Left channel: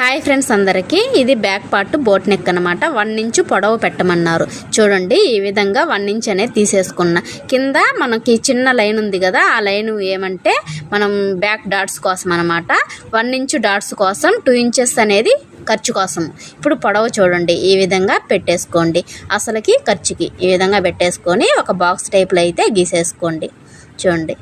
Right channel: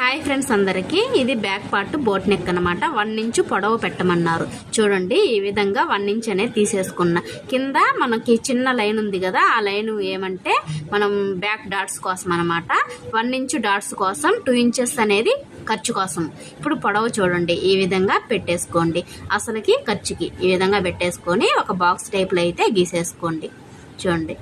Hi friends అందరికీ. ఇది back part boat neck అనమాట వన్ ఇంచు పొడవు పెట్టమన్నారు. చూడండి ఈ విధంగా వన్ ఇంచ్ అనేది తీసేసుకున్నా. కింద మనకి చిన్న లైన్ ఉంది కదా ఆ లైన్ ఏమంటే మనం బ్యాక్ డాట్స్ కోసం అనమాట వన్ ఇంచు డాట్స్ కోసం టూ ఇంచెస్ అనేది ఖర్చు కోసం. ఇప్పుడు పొడవు చూడండి ఈ విధంగా పెట్టేసుకోండి. అసలుకి ఖర్చుకి ఈ విధంగా పెట్టేసుకొని ఒక బాక్స్ టైప్లో అయితే గీసేసుకోండి. చూడండి.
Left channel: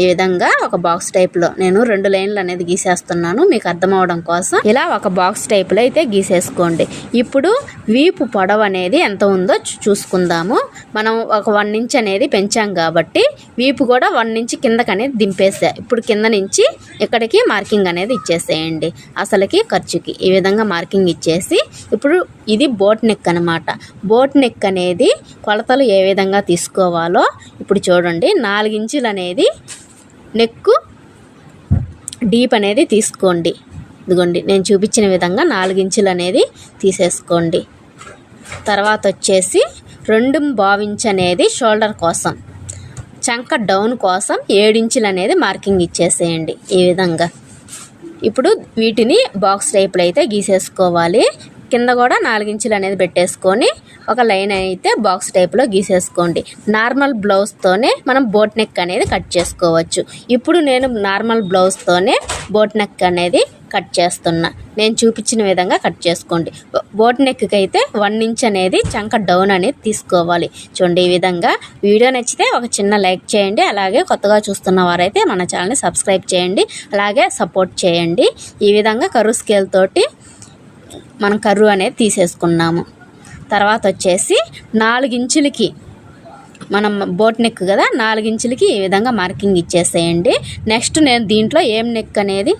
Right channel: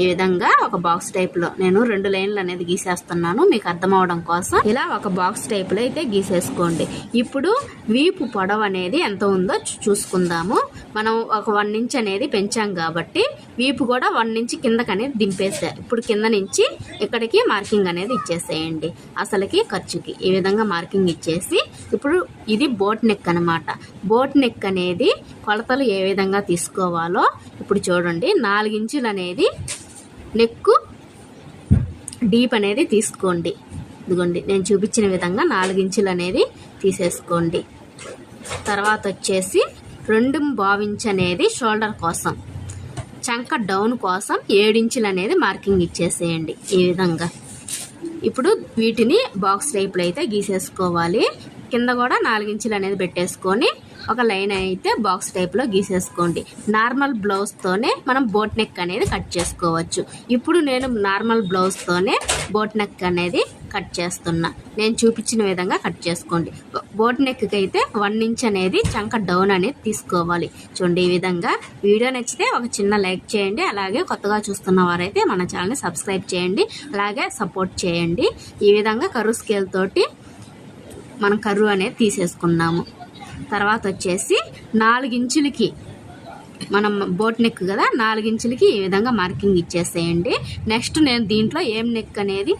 ఈ విధంగా ఒక బాక్స్ టైప్లో నేను రెండు లైన్లు అనేది గీసేస్తున్నాను. మీకు అర్థం అవడం కోసం ఇలా ఒక బాక్స్ టైప్లో అయితే గీసేసుకోండి. ఇప్పుడు వీపు పొడవు అనేది ఎంత ఉందో చూసుకుందాము. మనం ఒక వన్ ఇంచ్ అనేది పెంచాం కాబట్టి వీపు కూడా వన్ ఇంచ్ కిందకి అనేది దింపేసా ఇప్పుడు కింద నుంచి ఇక్కడికి మార్కింగ్ అనేది ఇచ్చేసేయండి. అసలుకి ఖర్చుకి ఈ విధంగా మార్కింగ్ ఇచ్చేసి ఇప్పుడు ఇది బోట్ నెక్ అనమాట బోట్ నెక్ అనేది కొలతలు ఏ విధంగా తీసుకోవాలో ఇప్పుడు చూడండి. నాలుగించులు అనేది నెక్కు డీప్ అనేది తీసుకోండి. ఇదిగోండి నేను చూపించిన విధంగా నాలుగించులు అనేది తీసేసుకోండి. తర్వాత వచ్చేసి రెండు బావించ్ అనేది షోల్డర్ కోసం చంక డౌన్ కోసం ఏడించులు అనేది మార్కింగ్ ఇచ్చేసేయండి ఈ విధంగా. ఇప్పుడు వీటిని బాక్స్ టైప్లో అయితే గీసేసుకోవాలి. కింద కూడా నాలుగించులు అనేది పెట్టేసుకొని ఒక లైన్ అయితే బాక్స్ టైప్లో గీసేసుకోండి. నార్మల్ బ్లౌజ్తోనే మనం బోట్ నెక్ అనేది కట్ చేసుకోవచ్చు. ఇప్పుడు నేను నార్మల్ బ్లౌజ్తోనే బోట్ నెక్ అనేది కట్ చేస్తున్నా. నేను చూపించిన విధంగా కట్ చేసుకోండి. బోట్ నెక్కి అయితే వన్ ఇంచ్ అనేది చంక డౌన్ అనేది తీసుకోవాలి. చూడండి ఈ విధంగా. వీడియో నచ్చితే ఒక చిన్న లైక్ చేయండి. అలాగే కొత్తగా చూస్తున్న వారైతే మన ఛానల్ని సబ్స్క్రైబ్ చేయండి. అలాగే సపోర్ట్ చేయండి. ఈ విధంగా కరువు స్కేల్ తోటి మనం కర్రూ అనేది తీసేసుకున్నాము. తర్వాత వచ్చేసి నాలుగించులకి మనం బోట్ నెక్ కదా నాలుగించులకి ఈ విధంగా మార్కింగ్ ఇచ్చేసేయండి. నెక్స్ట్ నేను దీంట్లో ఏం నెక్ అనేది